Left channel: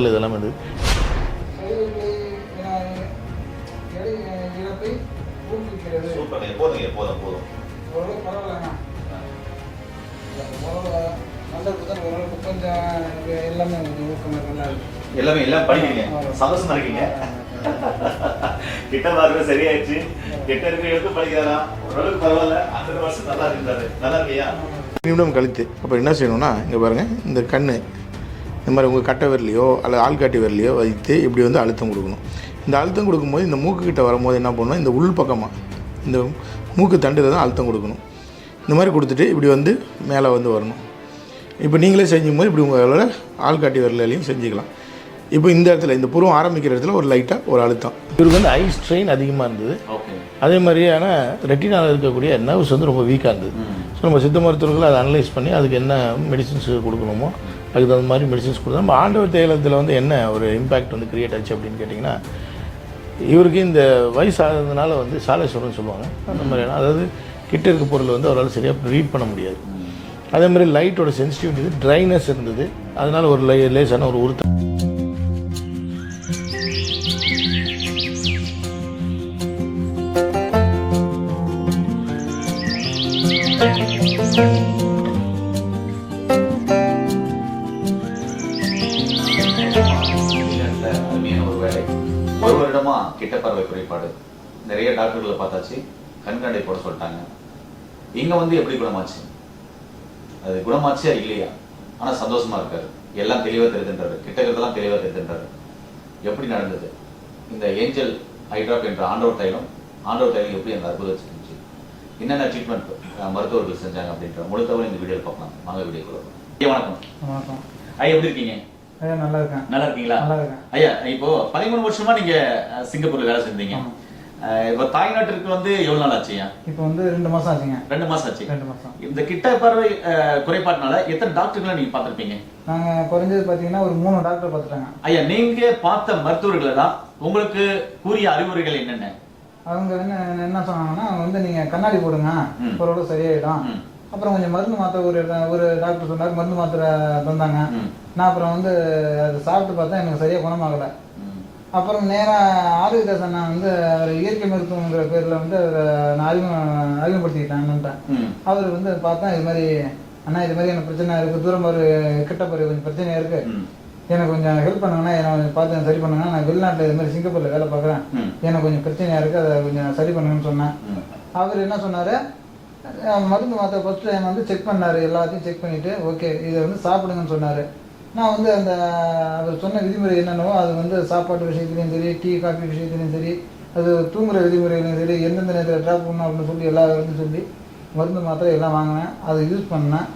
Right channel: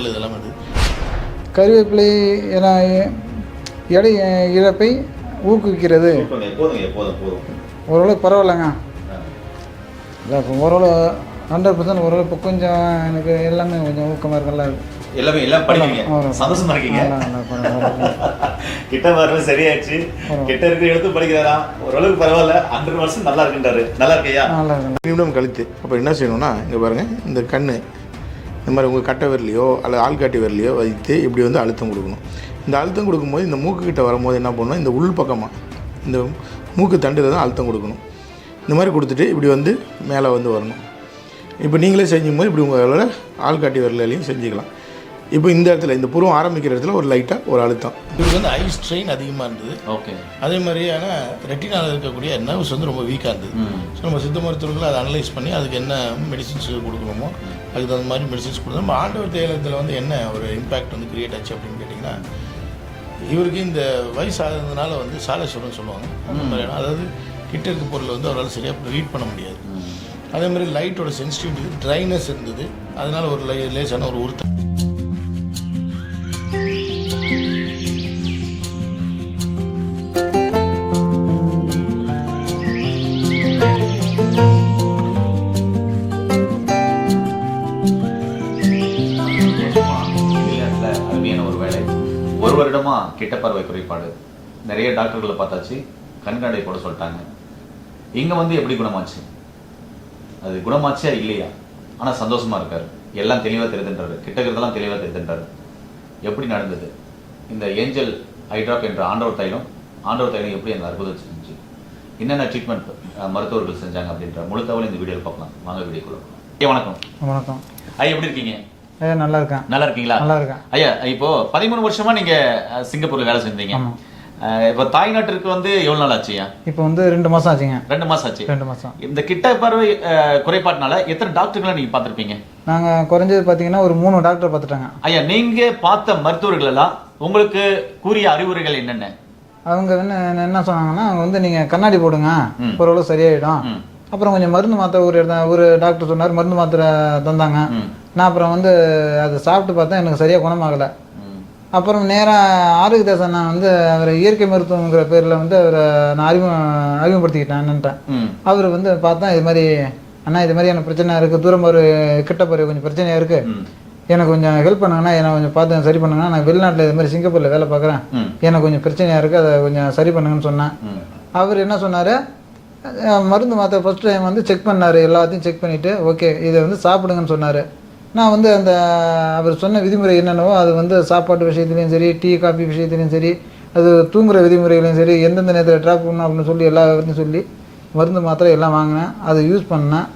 இதெல்லாம் வந்து கருவேப்பிலை எடை இழப்பை ஊக்குவிக்கிறது. ஓரளவுக்கு பரவாயில்லைங்க. இல்லை இப்போ ஓரளவு 100% ஓரளவு இப்போ கொஞ்சம் எனக்கு எல்லாமே கொஞ்சம் ஊக்கமாக இருக்கு. நல்லா இருக்கு. எல்லாமே எல்லாம் படிக்கிறீங்க, சந்தோஷமா இருக்கீங்க. கிட்ட பார்வை சரியாச்சு, கிட்ட இருக்க எடுத்து படிக்கிறதா ஓரளவுக்கு பரவாயில்ல. 100 வருஷம் நல்லா இருக்குன்றாரு. நல்லா இருக்கையா? நல்லா இருக்கு. நிமிடம் கழித்து அப்போ என்ன செய்யணும்னா, இங்கே பாருங்கள், இந்த கண் இந்த மாதிரி உங்கள் கட்டை விரலையோ அல்லது ஆள்காட்டி விரலையோ வைத்து இப்படி வந்து அழுத்தம் கொடுக்கணும். இந்த அழுத்தம் கொடுக்கும்போது இந்த மூக்குக்கிட்ட வரும்போது என்ன பண்ணணும், இந்த உள் பக்கமாக இந்த மூக்கு தண்டில் தான் அழுத்தம் கொடுக்கணும். இந்த மாதிரி கொடுத்துட்டு இப்படி வந்து மேலே வந்து வரணும். இப்போ நீங்களே செஞ்சும்போது இப்படி உங்களோட ஆள்காட்டி விரலையும் செஞ்சுக்கலாம். இப்போ இந்த இடத்துல இந்த புருவம் ஆரம்பிக்கிற இடத்துல ஒரு லைட்டாக ஒரு அழுத்தம். இவருக்கு வந்து ஐ ஸ்ட்ரெயின் அதிகமாக இருந்தது. ஓகே. அதே மாதிரியான ரெட்டினால் இருக்கக்கூடிய நர்வ்ஸ் வந்து ரொம்ப வீக்காக இருந்தது. ஸோ நம்ம சித்த மருத்துவர்கள் அதை அனலைஸ் பண்ணி அதுக்கு என்ன மெடிசின்ஸ் கொடுக்கணுமோ அதுக்கு தகுந்த மாதிரி மெடிசின்ஸ் கொடுத்தோம். நம்ம ஆண்டவர் தேலத்தில் வந்து என்ன ஒரு இம்பேக்ட் வந்து க்ரியேட் ஆச்சு அப்படின்னு கேட்டிங்கன்னா, இவருக்கு இந்த வயசு ஆகுறதுனால வந்து சாலேஸ்வரம்னு சொல்லுவாங்க. அந்த மாதிரி அதாவது கிட்ட இருக்க பொருள் வந்து அவரால் சரியாக ரீட் பண்ண முடியாது. அதே மாதிரி லைட்டோட சென்சிட்டிவிட்டி ட்ரைனஸ் இருந்தது. அதனால் ஒரு லேசான ஒரு உறுத்தம். ஒரு வருடமா கிட்ட பார்வை குறைபாடு நிறைய டாக்டர்களை பார்த்தாச்சு, கண்காணி போட சொல்லிட்டாங்க. இங்க வந்து எப்படி குணமாச்சு? அது குணமாச்சா இல்லையா? ஆனா சந்தோஷமா இருக்காரு, எல்லாம் தெளிவா தெரிஞ்சுன்றாரு, கிட்ட இருக்கிறதெல்லாம் தெளிவா தெரிஞ்சுன்றாரு. எப்படி நடந்தது இந்த ஏஞ்சல் ஐ டிராப் என்ற ஆண்டவர் தைலம் எப்படி அந்த அற்புதம் செஞ்சு, என்னென்ன ட்ரீட்மெண்ட் மருத்துவர்கள் செஞ்சாங்க அப்படின்ற முழு தகவல் இந்த வீடியோவில் பார்க்கலாம். வாங்க வீடியோக்குள்ள. ஐயா வணக்கம். வணக்கம் ஐயா, எப்படி இருக்கீங்க? நல்லா இருக்கேன். நல்லா இருக்கீங்களா? நல்லா இருக்கேன். ஐயா, இப்போ 13 வருஷமா நீங்க சிங்கப்பூர்ல வேலை செஞ்சீங்க. இப்போ தாய்நாட்டிற்கு வந்து எவ்வளவு நாள் ஆச்சுயா? இப்போ வந்து 2 மாசம் ஆச்சுங்க. 2 மாசம் ஆச்சு. 2 மாசம். இந்த கிட்ட பார்வை குறைபாட்டினால எத்தனை டாக்டர்களை நீங்க பார்த்திருப்பீங்க? நாங்க குறைஞ்சது பாத்தீங்கன்னா ஒரு 3 டாக்டர் பார்த்துட்டாங்க. ஐயா, நீங்க பார்த்த மருத்துவர்கள் எல்லாம் உங்களுக்கு கூறிய அறிவுரைகள் என்னென்ன? அவங்க என்ன சொன்னாங்கன்னா, அவங்க வந்து நீங்க கண்ணாடி போடுங்க, ஓரளவு சரியாயிடும். அப்புறம் கொஞ்சம் மருந்து மாத்திரை ஒரு டாக்டர் சொன்னார், மருந்து மாத்திரை தந்தாங்க. நான் அப்புறம் வந்து அதை சாப்பிட்டு பார்த்தா எனக்கு சரியாக குணமாகலை. அப்புறம் நேராக ஆரோக்கியதாசன் நான் வந்து அவர் இயற்கை மருத்துவங்கிற பேரில் வந்து அவரை நான் அறிமுகப்படுத்திக்கிட்டேன் என்னன்ட்டேன். அவர் வந்து பார்த்தா இது மாதிரி அண்ணா இது மாதிரி எனக்கு பிரச்சனை இருக்குது, தூரம் ஒரு கிட்ட போகிற கொஞ்சம் பிரச்சனையாக இருக்குது, எனக்கு கொஞ்சம் ஹெல்ப் பண்ணுங்கண்ணா, என்னை கொஞ்சம் பார்த்து சரி பண்ணுங்கன்னா, நான் வெளிநாட்டில் இது மாதிரி சிங்கப்பூரில் வேலை பார்க்குறேன், எனக்கு கொஞ்சம் பிரச்சனையாக இருக்குது, அதை கொஞ்சம் சரி பண்ணுங்கன்னு சொன்னேன். அவர் என்ன சொன்னார், மருந்து மாத்திரை ஃபஸ்ட் டைம் வந்து செக் பண்ணார், எல்லாத்தையும் செக் பண்ணிவிட்டு ஓகே இதை வந்து சாப்பிடுங்கன்னு சொன்னார். நான் வந்து அந்த அவர் சொன்ன விதிமுறை என்னென்னவோ அது வந்து சாப்பாட்டு விஷயத்துலையும் சரி, டீ காஃபி விஷயத்துலையும் சரி, அது தூங்குகிற விதிமுறைகளையும் சரி, எந்தெந்த நேரத்தில் ட்ராப் பண்ணணும் அப்படின்னு சொல்லி எல்லா இதுலையும் சொல்லி மருந்து மாத்திரை எல்லாம் வாங்கினேன். அதை யூஸ் பண்ணேன்,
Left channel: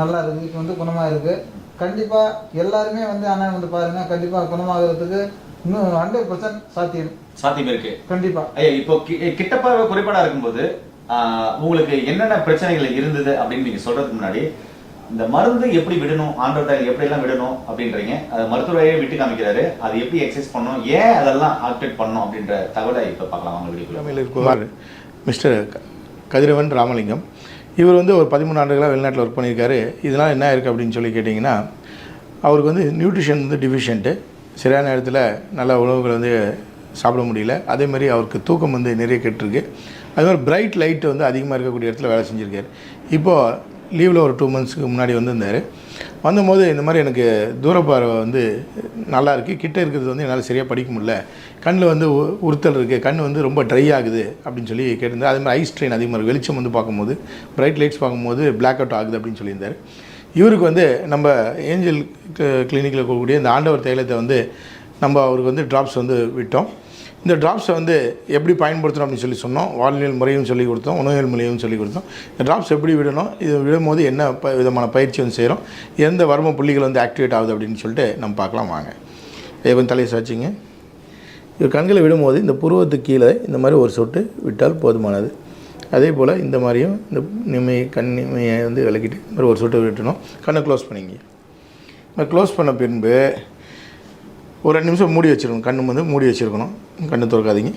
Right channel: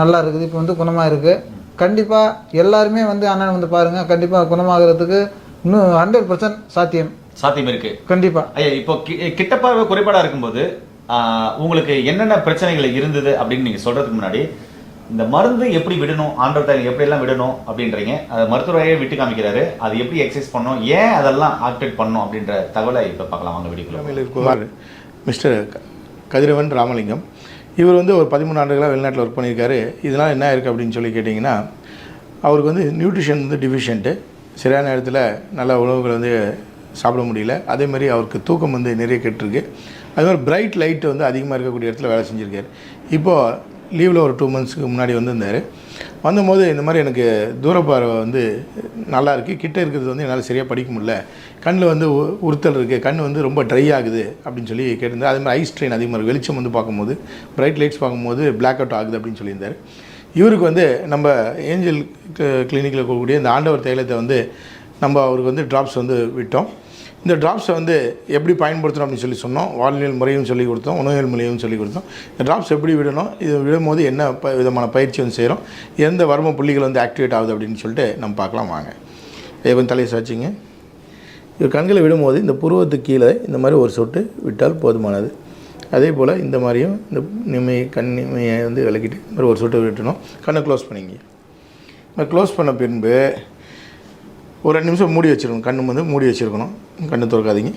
நல்லா இருக்குது. இப்போ வந்து குணமாக இருக்குது. கண்டிப்பாக எல்லாருமே வந்து அண்ணன் வந்து பாருங்கள், கண்டிப்பாக குணமாகிறதுக்கு இன்னும் 100% சாத்தியம் இருக்குது. கண்டிப்பாக. ஐயா, இப்போ கிட்ட பார்வை குறைபாடாக இருக்கும்போது உங்களுக்கு என்னென்ன பிரச்சனைகள் இருந்தது அப்படின்னு நீங்க சொல்றதுக்கு முன்னாடி, இந்த மருந்து எப்படி விடணும், ஆண்டவர் எப்படி எல்லாம் விடணும் அப்படின்றீங்க, அதை மருத்துவரையே விட்டு காமிக்கிறாரு, அது எப்படி எக்ஸசைஸ் பண்ணணும், ஏன் அதெல்லாம் ஆக்டிவேட் பண்ணணும் அப்படின்ற தகவலை இப்போ பார்க்கலாம். வாங்க வீடியோ. மிஸ்டர் கதிரவன் ராமலிங்கம், இவர் வந்து ஒரு 13 ஆண்டுகளாக வெளிநாட்டில் ஒர்க் பண்ணியிருக்காரு. இதனால் என்ன இருக்குது அப்படின்னு சொல்லி கேட்டிங்கன்னா, அவருக்கு வந்து நியூட்ரிஷன் வந்து டிஃபிஷியன்ட்டு, சரியான நேரத்தில் நல்ல உணவுகள் வந்து சாப்பிட முடியல. அதே மாதிரி அவருக்கு தூக்கம் வந்து நிறைய கெட்டுருக்கு. அது மாதிரி பிரைட் லைட்டு வந்து அதிகமாக இருக்கக்கூடிய இடத்துல வேலை செஞ்சுருக்காரு. இப்போது லீவில் ஒரு 2 மந்த்ஸ்க்கு முன்னாடி வந்திருந்தார். வந்தபோது இந்த மாதிரி எனக்கு தூரப்பார்வை வந்து நல்லா இருக்குது, கிட்டே இருக்கிறது வந்து என்னால் சரியாக படிக்க முடியல, கண்ணில் வந்து உறுத்தல் இருக்குது, கண் வந்து ரொம்ப ட்ரை ஆகுது அப்படின்னு சொல்லி கேட்டிருந்தார். அதே மாதிரி ஐ ஸ்ட்ரெயின் அதிகமாக இருக்குது, வெளிச்சம் வந்து பார்க்கும்போது பிரைட் லைட்ஸ் பார்க்கும்போது பிளாக் அவுட் ஆகுது அப்படின்னு சொல்லியிருந்தார். இவருக்கு வந்து நம்ம ஏஞ்சல் கிளினிக்கில் இருக்கக்கூடிய இந்த ஆண்டவர் தைலத்தை வந்து நம்ம அவருக்கு வந்து ட்ராப்ஸ் வந்து விட்டோம். இந்த ட்ராப்ஸை வந்து எப்படி பயன்படுத்தணும் அப்படின்னு சொல்லி சொன்னோம். வாழ்வியல் முறையும் சொல்லிக் கொடுத்தோம், உணவியல் முறையும் சொல்லிக் கொடுத்தோம். இந்த ட்ராப்ஸ் எப்படி விடணும், இது விடும்போது என்ன விதமான பயிற்சி வந்து செய்கிறோம், எந்த வர்ம புள்ளிகள் வந்து ஆக்டிவேட் ஆகுது அப்படின்னு சொல்லிட்டு நம்ம பார்க்கலாம். வாங்க. கொஞ்சம் தலையை சாச்சிங்க. இது கண்களை விடும்போது இந்த புருவத்துக்கு கீழே இந்த மாதிரி ஒரு சொட்டு விட்டால் போதுமானது. அதே போல் இந்த மாதிரியும் இந்த கண்ணிமையை வந்து விளக்கிட்டு இந்த மாதிரி ஒரு சொட்டு விட்டணும். கண்ணை க்ளோஸ் பண்ணிங்க. க்ளோஸ் பண்ண பின்பு ஒரு 2 நிமிஷம் மூடி வச்சுருக்கணும். கண்ணு வந்து மூடி வச்சுருக்கணும், கண்ணு திறக்காதீங்க.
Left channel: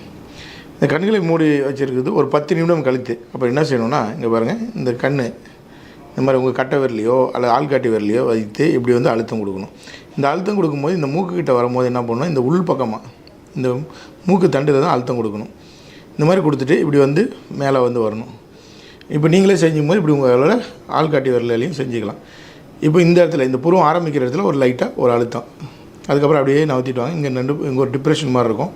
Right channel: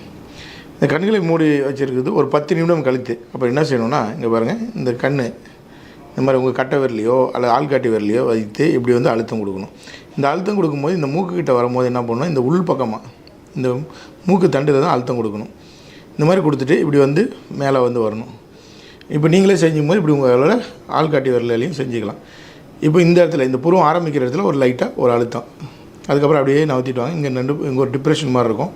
இந்த கண்களை மூடி வச்சுருக்குது ஒரு 10 நிமிடம் கழித்து அப்போ என்ன செய்யணும்னா, இங்கே பாருங்கள், இந்த இந்த மாதிரி உங்கள் கட்டை விரலையோ அல்லது ஆள்காட்டி விரலையோ வைத்து இப்படி வந்து அழுத்தம் கொடுக்கணும். இந்த அழுத்தம் கொடுக்கும்போது இந்த மூக்குக்கிட்ட வரும்போது என்ன பண்ணணும், இந்த உள் பக்கமாக இந்த மூக்கு தண்டில் தான் அழுத்தம் கொடுக்கணும். இந்த மாதிரி கொடுத்துட்டு இப்படி வந்து மேலே வந்து வரணும். இப்போ நீங்களே செஞ்சும்போது இப்படி உங்களோட ஆள்காட்டி விரலையும் செஞ்சுக்கலாம். இப்போ இந்த இடத்துல இந்த புருவம் ஆரம்பிக்கிற இடத்துல ஒரு லைட்டாக ஒரு அழுத்தம், அதுக்கப்புறம் அப்படியே நவுத்திட்டு வாங்க. இங்கே ஒரு டிப்ரெஷன் மாதிரி இருக்கும்,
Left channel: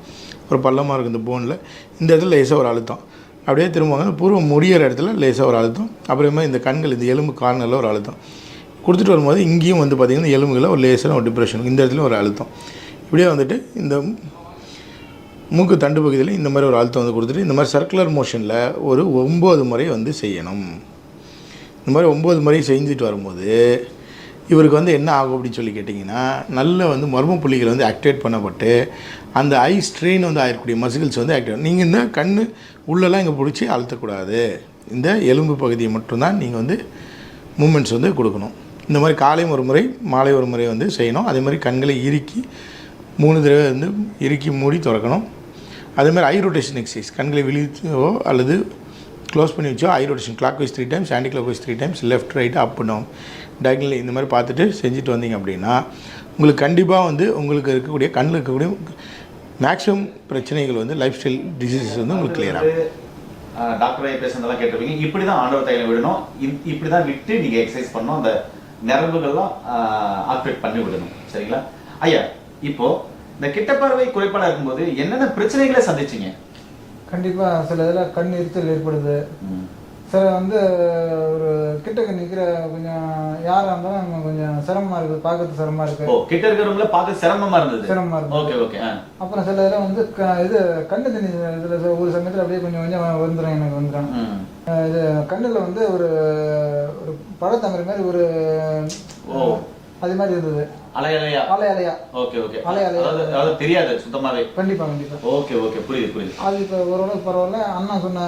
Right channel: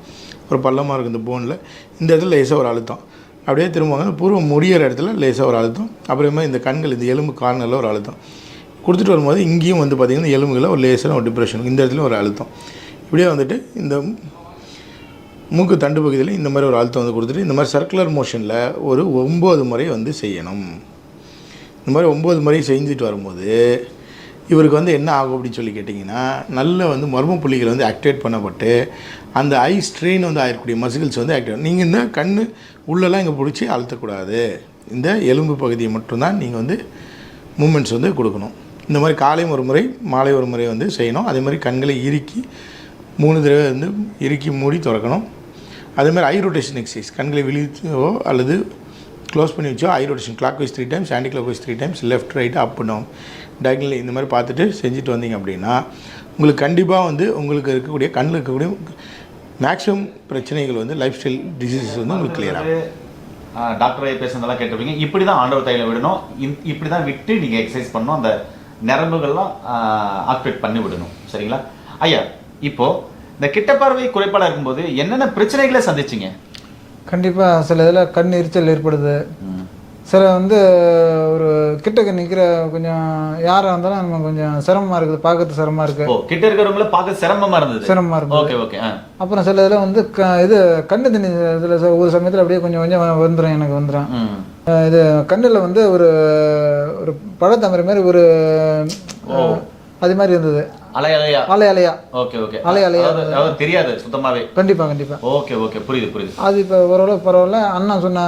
ஒரு பள்ளமாக இருக்கும் இந்த போனில். இந்த இடத்துல லேசாக ஒரு அழுத்தம், அப்படியே திரும்புவாங்க. பூர்வம் முடிகிற இடத்துல லேசாக ஒரு அழுத்தம், அப்புறமா இந்த கண்கள் இந்த எலும்பு கார்னரில் ஒரு அழுத்தம் கொடுத்துட்டு வரும்போது இங்கேயும் வந்து பார்த்திங்கன்னா எலும்புகளில் ஒரு லேசான ஒரு டிப்ரெஷன், இந்த இடத்துல ஒரு அழுத்தம். இப்படியே வந்துட்டு இந்த மூக்கு தண்டு பகுதியில் இந்த மாதிரி ஒரு அழுத்தம் வந்து கொடுத்துட்டு இந்த மாதிரி சர்க்குலர் மோஷனில் ஒரு 9 முறை வந்து செய்யணும். இந்த மாதிரி 9 முறை செஞ்சுட்டு வரும்போது இவருக்கு வந்து என்ன ஆகும் அப்படின்னு சொல்லி கேட்டிங்கன்னா, நல்ல வந்து மர்ம புள்ளிகள் வந்து ஆக்டிவேட் பண்ணப்பட்டு அந்த ஐ ஸ்ட்ரெயின் வந்து ஆகக்கூடிய மசில்ஸ் வந்து ஆக்டிவேட். நீங்கள் இந்த கண் உள்ளெல்லாம் இங்கே பிடிச்சி அழுத்தக்கூடாது, இந்த எலும்பு பகுதியை மட்டும்தான் நீங்கள் வந்து மூமெண்ட்ஸ் வந்து கொடுக்கணும். இந்த மாதிரி காலையும் ஒரு முறை மாலை ஒரு முறை வந்து செய்யணும். அதே மாதிரி கண்களை இறுக்கி 3 தடவை வந்து இறுக்கி மூடி திறக்கணும். அதேமாதிரி ஐ ரொட்டேஷன் எக்ஸசைஸ், கண்களை விழிச்சோ அல்லது க்ளோஸ் பண்ணி வச்சோ eye rotation clockwise 3 times, anti clockwise 3 times, left right up down diagonally இந்த மாதிரி பார்த்துட்டு செஞ்சுட்டு வந்தீங்க அப்படின்னா உங்களுக்கு கண்டிப்பாக வந்து உங்களுக்கு இருக்கக்கூடிய கண்ணில் இருக்கக்கூடிய மேக்ஸிமம் பிரச்சனைகள் வந்து லைஃப் ஸ்டைல் டிசீசஸ் வந்து உங்களுக்கு கிளியர் ஆகும். டாக்டர் பேசுனதெல்லாம் கேட்டிருப்பீங்க. இப்படி தான் ஆண்டவர் தைலம் விடணும், இப்படி தான் விட்டு நீங்கள் எக்ஸசைஸ் பண்ணணும், அந்த நரம்புகள்லாம் ஆக்டிவேட் பண்ணி விடணும். சரிங்களா ஐயா? இப்போ இந்த கிட்ட பார்வை குறைபாடாக இருக்கும்போது என்னென்ன பிரச்சனைகளை சந்திச்சிங்க? கண்டிப்பாக சில இதில் கண் எரிச்சல் ஏற்படுது. சில வந்து ஒரு கிட்டக்க நிற்கிற கொஞ்சம் யாராக இருந்தாலும் நம்ம கொஞ்சம் சிரமமாக இருக்குது, பார்க்கறது சிரமமாக இருக்குது. கிட்ட இருக்கிறவங்கள பார்க்க சிரமமாக இருந்தது. Okay okay. அப்புறம் சில இதில் வந்து இது கண்ணு தண்ணி இதில் ஒரு சமயத்தில் அப்படியே கொஞ்சம் கொஞ்சம் வந்துடும், எனக்கு வந்துடும். இது கண்ணில் வந்து ஒரு ஒரு பழத்தமரை மாதிரி ஒரு அது மாதிரி இருந்தது. அலை அலையா. Okay okay. அலை தெரியாது சுத்தமாவே. கண்டிப்பா. ஓகே ஓகே, புரியுது. அது இப்போ ஓரளவு பரவாயில்ல. அண்ணா சொன்ன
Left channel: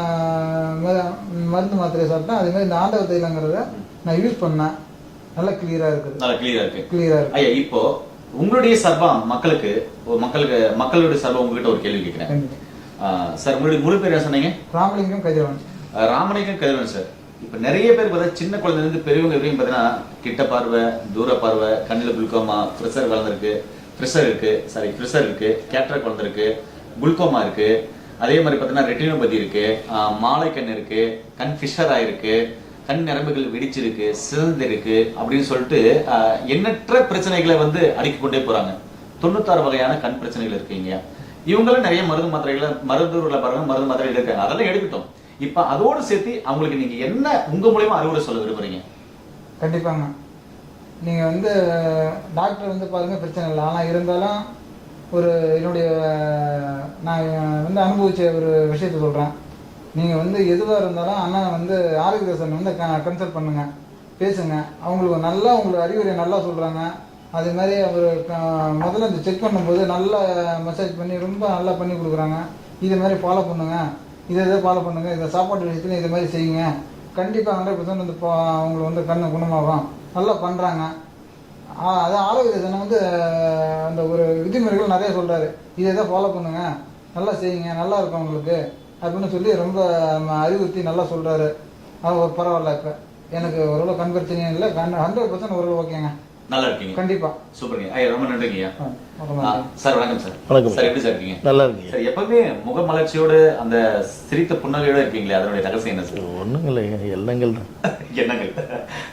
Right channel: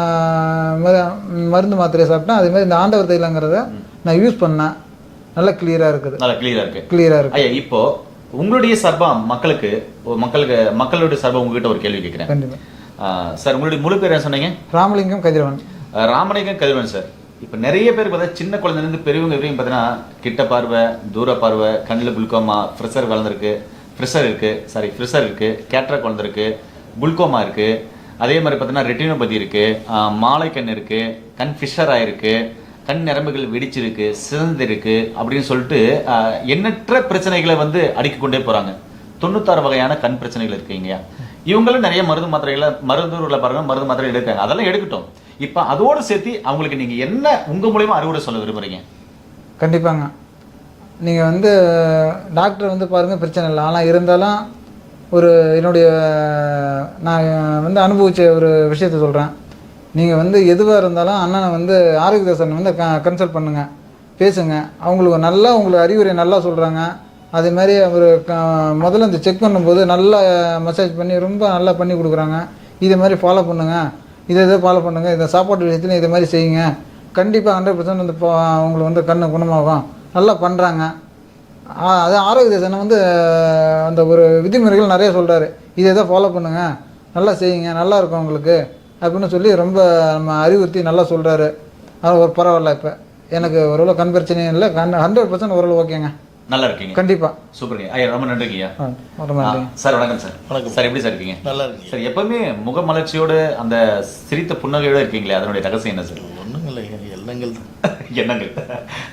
மருந்து மாத்திரையை சாப்பிட்டேன். அதே மாதிரி இந்த ஆண்டவர் தைலங்கிறத நான் யூஸ் பண்ணேன், நல்லா கிளியரா இருக்கு. ஐயா, இப்போ உங்களுடைய சார்பா மக்களுடைய சார்பா உங்ககிட்ட ஒரு கேள்வி கேட்கிறேன். கண்டிப்பா சார், உங்களுடைய முழு பேர் என்ன சொன்னீங்க? ராமலிங்கம் கதிரவன். ராமலிங்கம் கதிரவன் சார். இப்போ நிறைய பேர் பார்த்தா சின்ன குழந்தைலேருந்து பெரியவங்க வரையும் பார்த்தீங்கன்னா கிட்ட பார்வை, தூர பார்வை, கண்ணில் குளுக்கோமா, ப்ரெஷர் இருக்கு, கேட்ராக்ட் வளர்ந்துருக்கு, குளுக்கோமா இருக்கு. அதே மாதிரி பார்த்தீங்கன்னா ரெட்டினோபதி இருக்கு, மாலை கண் இருக்கு, கண் ஃபிஷர் ஆயிருக்கு, கண் நரம்புகள் வெடிச்சிருக்கு, சிறந்திருக்கு அப்படின்னு சொல்லிட்டு எண்ணற்ற பிரச்சனைகளை வந்து அடுக்கி கொண்டே போறாங்க. 96 வகையான கண் பிரச்சனைகள் இருக்குங்க. இவங்களும் நிறைய மருந்து மாத்திரைகள் எடுக்காங்க. அதெல்லாம் எடுக்கட்டும். இப்ப அதோடு சேர்த்து அவங்களுக்கு நீங்க என்ன உங்க மூலமா அறிவுரை சொல்ல விரும்புறீங்க? கண்டிப்பாங்க, நீங்க வந்து டாக்டர் வந்து பாருங்க, பிரச்சனை இல்லை. ஆனால் இருந்தாலும் ஒரு என்னுடைய நான் வந்து அனுபவிச்ச ஒரு விஷயத்த சொல்றேன். நீங்க வந்து எதுவாக இருந்தாலும் அண்ணனை வந்து ஆரோக்கியதாசன் வந்து கன்சல்ட் பண்ணுங்க, பேசுங்க. உங்களுக்கு அறிவுரை நல்லா சொல்றாங்க. அதே மாதிரி அவர் முதல்ல இந்த செக் பண்ணும்போது நல்லா மசாஜ் பண்ணி ரொம்ப நல்லா பண்ணி கொடுக்குறாங்க. இதே மாதிரி ஃபாலோ பண்ணுங்க, இதை ஃபாலோ பண்ணுங்கள், இந்த சாப்பாட்டு விஷயத்துல இதை மாதிரி செய்யுங்க. கண்டிப்பாக 100% வந்து அவங்களுக்கு வந்து கண்ணு குணமாகும், நல்லா பண்ணுறாங்க. அது ஆரோக்கியதாசனை வந்து அந்த ஒரு விதிமுறைகள் நிறைய சொல்கிறாரு. இதை ஃபாலோ பண்ணுங்கள், நல்லா செய்யுங்க, நல்லா இருக்கும் உங்களுக்கு அப்படின்னு சொல்லி ரொம்ப நம்ம அறிவுறுத்தி நல்லா சொல்கிறாரு. அது ஒரு பரவாயில்ல. இப்போ எனக்கு ஓரளவு கண் பிரச்சனையும் இல்லை, 100% ஓரளவு ஓகேங்க. நல்லா இருக்கீங்க? கண்டிப்பா. சூப்பருங்க ஐயா, ரொம்ப நன்றிங்க. சார் வணக்கம் சார். வணக்கம் சார், எப்படி சார் இருக்கீங்க? நல்லா இருக்கீங்க சார். எப்பவுமே முகமலர்ச்சியோடு அந்த சிரித்த புன்னகையோட இருக்கீங்களே, அதனுடைய ரகசியம் என்ன சார்? ஒன்றும் இல்லைங்க, எண்ணங்கள்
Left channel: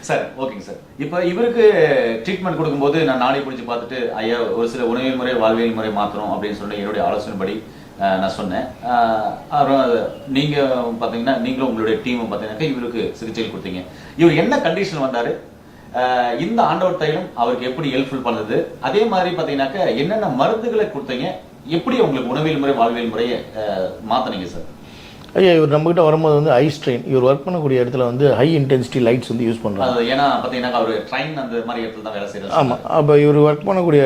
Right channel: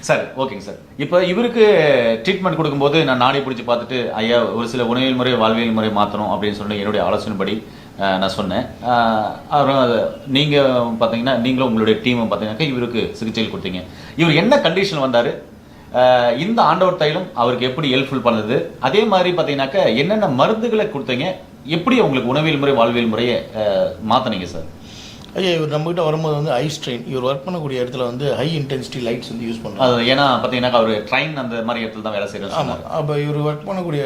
சார். ஓகேங்க சார். இப்போ இவருக்கு ட்ரீட்மெண்ட் கொடுக்கும்போது நான் நானே பிடிச்சி பார்த்துட்டு ஐயா ஒரு சில உணவியல் முறை வாழ்வியல் முறை மாற்றணும் அப்படின்னு சொல்லி என்னுடைய ஆலோசனைப்படி நான் சொன்னேன். நீங்கள் பார்த்தீங்கன்னா நீங்களும் உங்களுடைய டீமும் பார்த்தீங்கன்னாக்கா இவருக்கு சிகிச்சைகள் கொடுத்தீங்க. இவர் என்ன கண்டிஷன் வந்தார், இந்த ஆண்டவர் தைலம் அவருக்கு எப்படி ஹெல்ப்ஃபுல் பண்ணுது, அதே மாதிரி பார்த்தீங்கன்னாக்கா என்னென்ன மருந்துகளை கொடுத்தீங்க, எப்படி உங்களுக்கு உணவியல் முறை வாழ்வியல் முறையை மாற்றினீங்க சார்? ஐயா, இவர் நம்மகிட்ட வரும்போது வந்து ஐ ஸ்ட்ரெயின், இவர் ஒர்க் பண்ணக்கூடிய இடத்துல வந்து ஹை இன்டென்சிட்டி லைட்ஸ் வந்து யூஸ் பண்ணுறாங்க. ஏன்னா பார்த்தீங்கன்னாக்கா அவர் ட்ரெயின் அந்த மாதிரி இடத்துல தான் வேலை செய்கிறார். ஆமாம். அப்போ இவர் ஒர்க் பண்ணக்கூடிய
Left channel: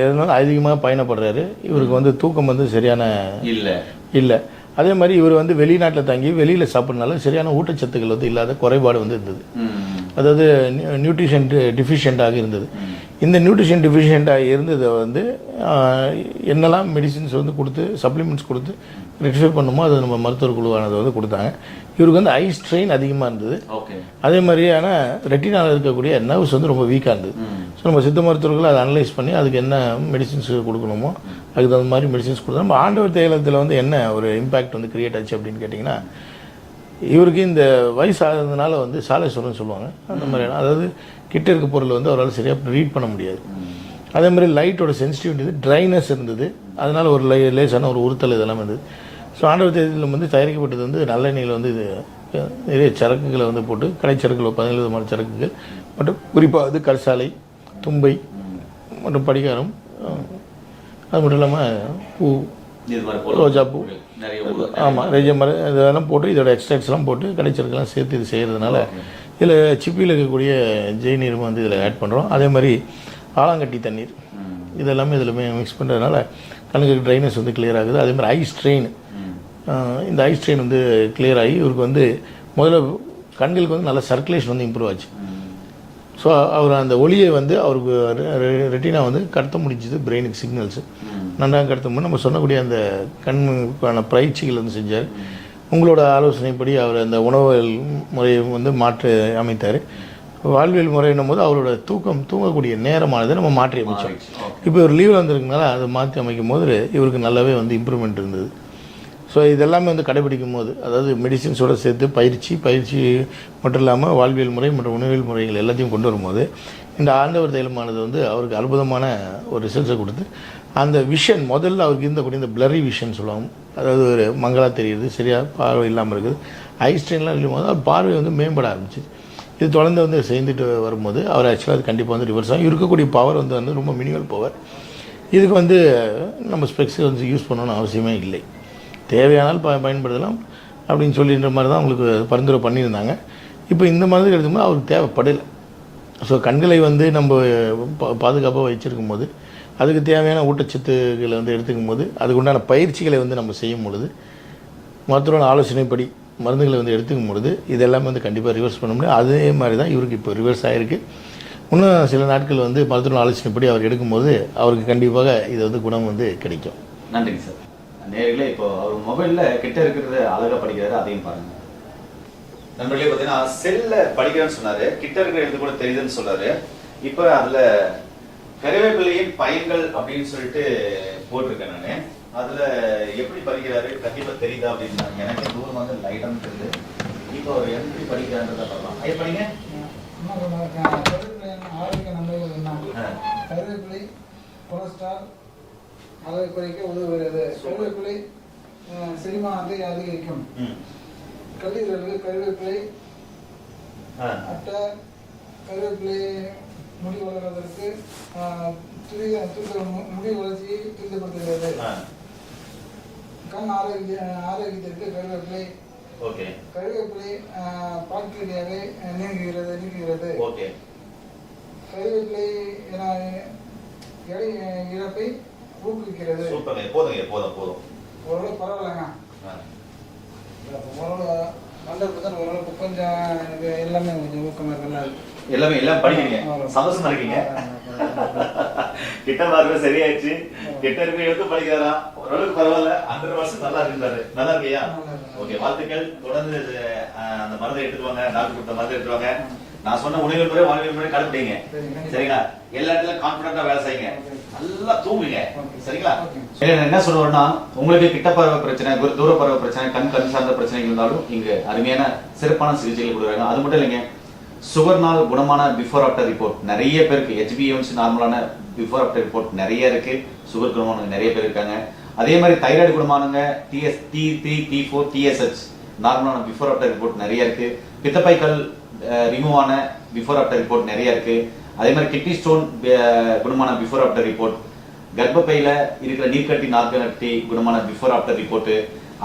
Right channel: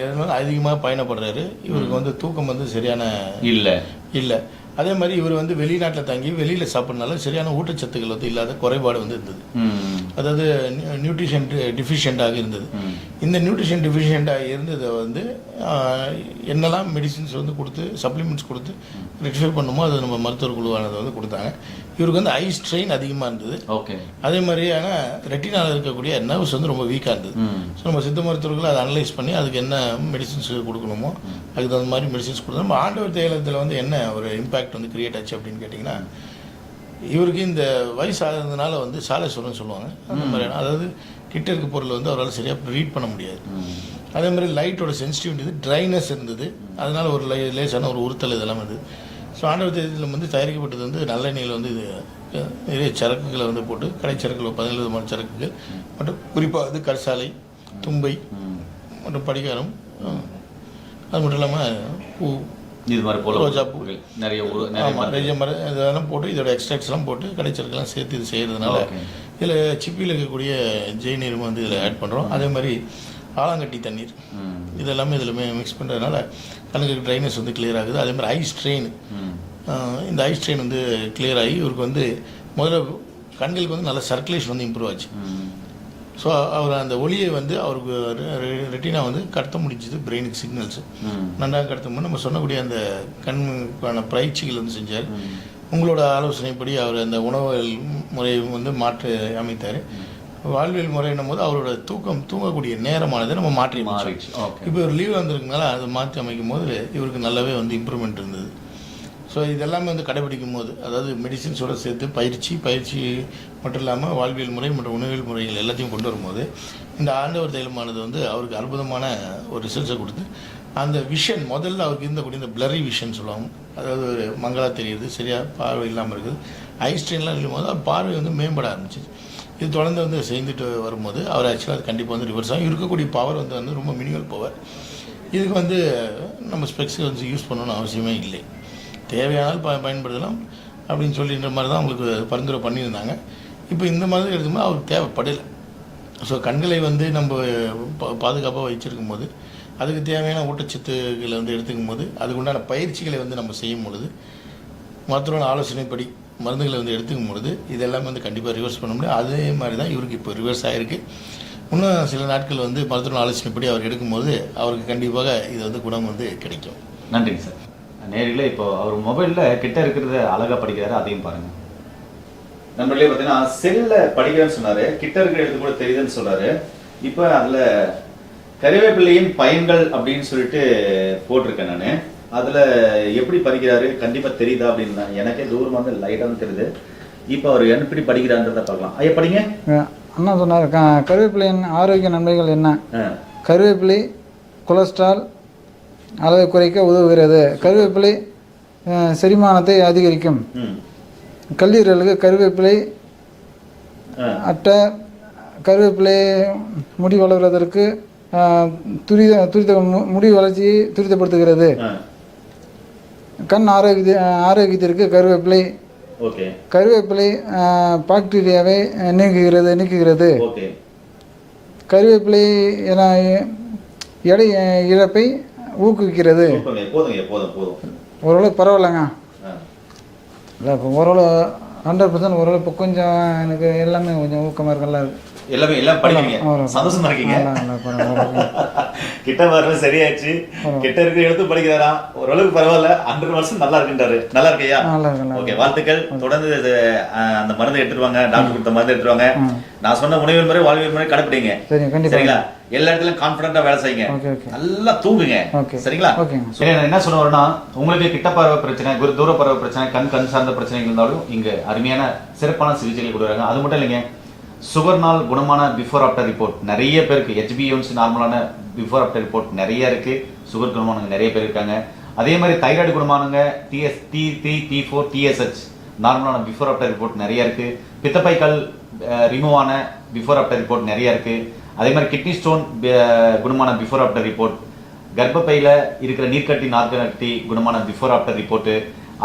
இடத்துல அதிகமாக பயணப்படுறாரு. இவருக்கு வந்து தூக்கம் வந்து சரியான இல்லை. அதே மாதிரி இவர் வந்து வெளிநாட்டில் தங்கி வெளியில் சாப்பிட்றதுனால சரியான ஊட்டச்சத்துக்கள் வந்து இல்லாத குறைபாடு வந்து இருந்தது. அதாவது நியூட்ரிஷன் டிஃபிஷியண்ட்டாக இருந்தது. இந்த நியூட்ரிஷன் டிஃபிஷியண்ட்டாக இருந்ததை வந்து என்னெல்லாம் மெடிசின்ஸ் வந்து கொடுத்து சப்ளிமெண்ட்ஸ் கொடுத்து ரெக்டிஃபை பண்ணுமோ அது நம்ம மருத்துவர் குழுவானதை வந்து கொடுத்தாங்க. இவருக்கு வந்து ஐ ஸ்ட்ரெயின் அதிகமாக இருந்தது. அதே மாதிரியான ரெட்டினாவில் இருக்கக்கூடிய நர்வ்ஸ் வந்து ரொம்ப வீக்காக இருந்தது. ஸோ நம்ம சித்த மருத்துவர்கள் அதை அனலைஸ் பண்ணி அதுக்கு என்ன மெடிசின்ஸ் கொடுக்கணுமோ அதுக்கு தகுந்த மாதிரி மெடிசின்ஸ் கொடுத்தோம். நம்ம ஆண்டவர் தைலத்தில் வந்து என்ன ஒரு இம்பேக்ட் வந்து கிரியேட் ஆச்சு அப்படின்னு கேட்டிங்கன்னா, இவருக்கு இந்த வயசு ஆகிறதுனால வந்து சாலேஸ்வரம்னு சொல்லுவாங்க. அந்த மாதிரியான அதாவது கிட்ட இருக்க பொருள் வந்து அவரால் சரியாக ரீட் பண்ண முடியாது. அதே மாதிரி லைட்டோட சென்சிட்டிவிட்டி ட்ரைனஸ் இருந்தது. அதனால் ஒரு லேசான ஒரு உறுத்தல் இதெல்லாம் இருந்தது. ஸோ ஆண்டவர் தைலத்தில் வந்து தயாரிக்கப்பட்டது வந்து நல்லெண்ணெயில் வந்து இது நிறைய சரக்குகளை வந்து போட்டு கடைச்சரக்குகள் 17 விதமான சரக்குகள் மற்றும் குறிப்பாக வந்து கரிசாலை, தும்பை மற்றும் படிகாரம், அது மட்டும் இல்லாமல் பூ, ரோஜா பூ, ஆமாம் நிறைய மரம் இதெல்லாம் போட்டு இதோட எக்ஸ்ட்ராக்ட்ஸ்லாம் போட்டு கடைச்சரக்கெல்லாம் சேர்த்து இது செய்கிறதுனால இதில் சிப்பியில் இருக்கக்கூடிய ஜெய்நீரும் வந்து இதில் ஆட் பண்ணுறோம். அதே மாதிரி ஆலாங்கட்டி தண்ணீர் இதெல்லாமே இதில் மிக்ஸ் பண்ணுறதுனால கண்ணுக்கு ட்ரைனஸ் வந்து கிளியர் ஆகுது. அதே மாதிரி ஐ ஸ்ட்ரெயின், இந்த ஐ ஸ்ட்ரெயின் வந்து கிளியர் ஆகி இவருக்கு வந்து முதல்ல கண்களுக்கு வந்து நல்ல சர்க்குலேஷன் வந்து இம்ப்ரூவ் ஆச்சு. ஸோ அவர் அந்த ஒளியை வந்து அவருக்கு ரெட்டினா வந்து கடத்த முடிஞ்சது. பிரெயினுக்கு சிக்னல்ஸு நன்றாக கடத்தும்போது நம்ம சொன்னக்கூடிய அந்த கண்ணுக்கான பயிற்சிகள் வந்து செஞ்சார். உங்களோட ஆலோசனைப்படி அவர் அந்த உணவு முறையை வந்து மாற்றி அமைத்தார். வாழ்வியல் முறைன்னும் போது அவரோட தூங்கக்கூடிய நேரமானதை நம்ம மாற்றி அமைச்சோம். இப்போ ஒரு லீவில் வந்திருக்கனால அதை மாற்றி அமைக்கும் போது இவருக்கு நல்லாவே வந்து இம்ப்ரூவ்மெண்ட் இருந்தது. ஸோ இதெல்லாமே வந்து கடைபிடிக்கும் போது அதாவது மெடிசின்ஸோடு சேர்த்து பயிற்சி மட்டும் இல்லாமல் வாழ்வியல் முறை மற்றும் உணவியல் முறைகள் எல்லாத்தையும் கொண்டு வரும்போது இந்த ஆண்டவர் தைலமானது வந்து அவருக்கு அற்புதமான ஒரு ரிசல்ட்ஸை கொடுத்து அந்த விஷன் முதல்ல அவருக்கு இருந்தக்கூடிய இந்த பிளரி விஷன் சொல்லுவாங்க. அதாவது ஒரு மங்களாக தெரியுது, சரியாக பார்வை இல்லாமல் இருக்குது. ஐ ஸ்ட்ரெயின்லாம் இருக்கும்போது அது பார்வை வந்து மேம்பட ஆரம்பிச்சு. இது தொடர்ந்து வந்து செய்துட்டு வரும்போது அவர் ஆக்சுவலாக அது கண்டிப்பாக வந்து ரிவர்ஸ் ஆகும். இருக்கக்கூடிய பவர் வந்து ரொம்ப மினிமல் பவர். இதுக்கு வந்து நம்ம ஸ்பெக்ஸ் வந்து யூஸ் பண்ணணும்னு அவசியமே இல்லை. தேவையானால் பயன்படுத்தலாம் அப்படின்னு சொல்லின்ற மாதிரி தான் அவங்களுக்கு பரிந்துரை பண்ணியிருந்தாங்க. இப்போ இந்த மாதிரி எடுத்தும்போது அவருக்கு தேவைப்படலை. ஸோ கண்களை வந்து நம்ம பாதுகாப்பாக வச்சுருக்கும் போது அதுக்கு தேவையான ஊட்டச்சத்துக்களை வந்து எடுத்துக்கும் போது அதுக்கு உண்டான பயிற்சிகளை வந்து நம்ம செய்யும் பொழுது மருத்துவரோட ஆலோசனைப்படி மருந்துகளை வந்து எடுத்துக்கும் பொழுது இதெல்லாமே வந்து கண்டிப்பாக ரிவர்ஸ் பண்ண முடியும். அதே மாதிரி தான் இவருக்கு இப்போ ரிவர்ஸ் ஆகிருக்கு. இன்னும் சில நாட்கள் வந்து மருத்துவ ஆலோசனைப்படி அவர் எடுக்கும்போது அவருக்கு கண்டிப்பாக இது வந்து குணம் வந்து கிடைக்கும். நன்றிங்க சார். நேரில் இப்போ அவர் மொபைலில் கிட்ட இருக்கிறத அழகாக படிக்கிறாரு, அதையும் பாருங்க. நண்பர்களே பார்த்தீங்கன்னா செல்லில் படிக்கிறான்னு சொன்னார், கிட்ட இருக்கிற எழுத்து கூட தெரியுதுன்னு சொல்கிறாரு. இப்போ அதில் கறிவேப்பிலையின் பயன்கள் அப்படின்னு சொல்லிட்டு போட்டிருக்கேன் நான். அதில் எப்படி படிக்கிறாரு கண்டிப்பாக தெரியுதா அப்படின்னு எனக்கே தூரமாக லைட்டாக தெரியுது. இப்போ அவர் எப்படி படிக்கிறான்றதை பார்க்கலாம். ஐயா படிங்க. அண்ணா சொன்னார் கருவேப்பிலையின் ஆரோக்கிய நன்மைகள் என்ன. கருவேப்பிலை கொலஸ்ட்ரால் அளவை குறைக்க உதவுகிறது. கருவேப்பிலை செரிமானத்தை அதிகரிக்கும். கல்லீரலுக்கு கருவேப்பிலை அட்டை. கருவேப்பிலை முடி வளர்வதற்கு துரித முடி வளர்ச்சியை துரிதப்படுத்துகிறது. கண் ஆரோக்கியத்திற்கு கருவேப்பிலை. கருவேப்பிலை பாக்டீரியாவை நீக்குகிறது. கருவேப்பிலை எடை இழப்பை ஊக்குவிக்கிறது. ஓரளவு பரவாயில்லைங்க. இல்லை இப்போ ஓரளவு 100% ஓரளவு இப்போ கொஞ்சம் எனக்கு எல்லாமே கொஞ்சம் ஊக்கமாக இருக்குல்ல. எல்லாமே எல்லாம் படிக்கிறீங்க, சந்தோஷமா இருக்கீங்க. கிட்ட பார்வை சரியாச்சு, கிட்ட இருக்கிற எடுத்து படிக்கிறாரா, ஓரளவுக்கு பரவாயில்ல. 100% நல்லா இருக்குன்றாரு. நல்லா இருக்கையா? ஓகே, வாழ்த்துக்கள். தொடர்ந்து அந்த மருந்து எடுத்துருவாங்க, டாக்டர் கொடுத்த மருந்து எடுத்துருவாங்க. நான் சொன்ன உணவியல் முறை வாழ்வியல் முறை கடைப்பிடிங்க. சரிங்களா? எல்லா இடத்துலயும் கான்பிடண்டா வேலை செய்யுங்க, நல்லா தூங்குங்க. சரிங்களா? என்ன சொல்லுவோம்னா, உங்களுக்கு கிட்ட பார்வை பிரச்சனை, தூர பார்வை பிரச்சனை, கண் சார்ந்த பிரச்சனை இருந்தாலும் இங்க அருமையான சிறப்பான சிகிச்சைகள் கொடுக்குறாங்க. அது மட்டும் இல்லைங்க, சுகர்னால் குணமான பிஃபோர் ஆஃப்டர் ரிப்போர்ட் நிறைய பேருக்கு. HbA1c நார்மலான பிஃபோர் ஆஃப்டர் ரிப்போர்ட் நிறைய இருக்கு. சுகர் குணமானவங்க நிறைய பேர் இருக்காங்க. அதே மாதிரி தைராய்டு குணமானவங்க T3, T4, TSH நார்மலான பிஃபோர் ஆஃப்டர் ரிப்போர்ட் நிறைய இருக்கு. பித்தப்பைக்கல் ரிமூவ் ஆன பிஃபோர் ஆஃப்டர் ரிப்போர்ட் நிறைய இருக்கு. அதே மாதிரி கிட்னி ஸ்டோன் குணமான பிஃபோர் ஆஃப்டர் ரிப்போர்ட், கர்ப்பப்பையில இருக்கிற நீர்க்கட்டி நார்க்கட்டி குணமான பிஃபோர் ஆஃப்டர் ரிப்போர்ட்,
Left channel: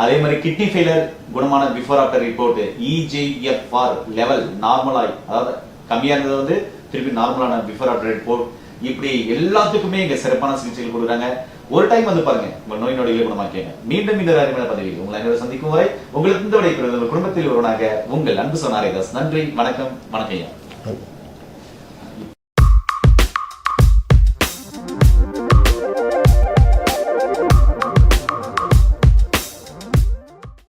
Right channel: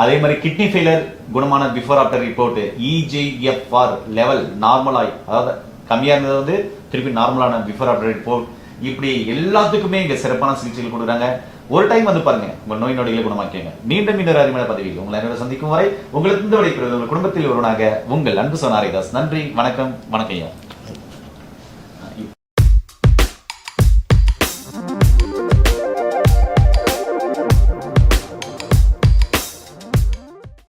அதே மாதிரி கிட்னி ஃபெயிலியர் குணமான before after report, EGFR level நார்மலாய், அதாவது கம்மியா இருந்தது வந்து திருப்பி நார்மலான பிஃபோர் ஆஃப்டர் ரிப்போர்ட். இப்படி எல்லாத்துக்குமே இங்க சிறப்பான சிகிச்சைகள் கொடுக்குறாங்க. ஒரு டைம் வந்து பாருங்க, உங்கள் நோய் நொடிகளை குணமாக்கிங்க. மீண்டும் அருமையான பதவியில் உங்களை அனைவரும் சந்திக்கும் வரை உங்களுக்கு இந்த விடைக்கிறது குடும்பத்தில் ஒருவனாக உங்கள் அன்பு சொன்னாரிதாஸ். நன்றி, வணக்கம், வணக்கம் ஐயா.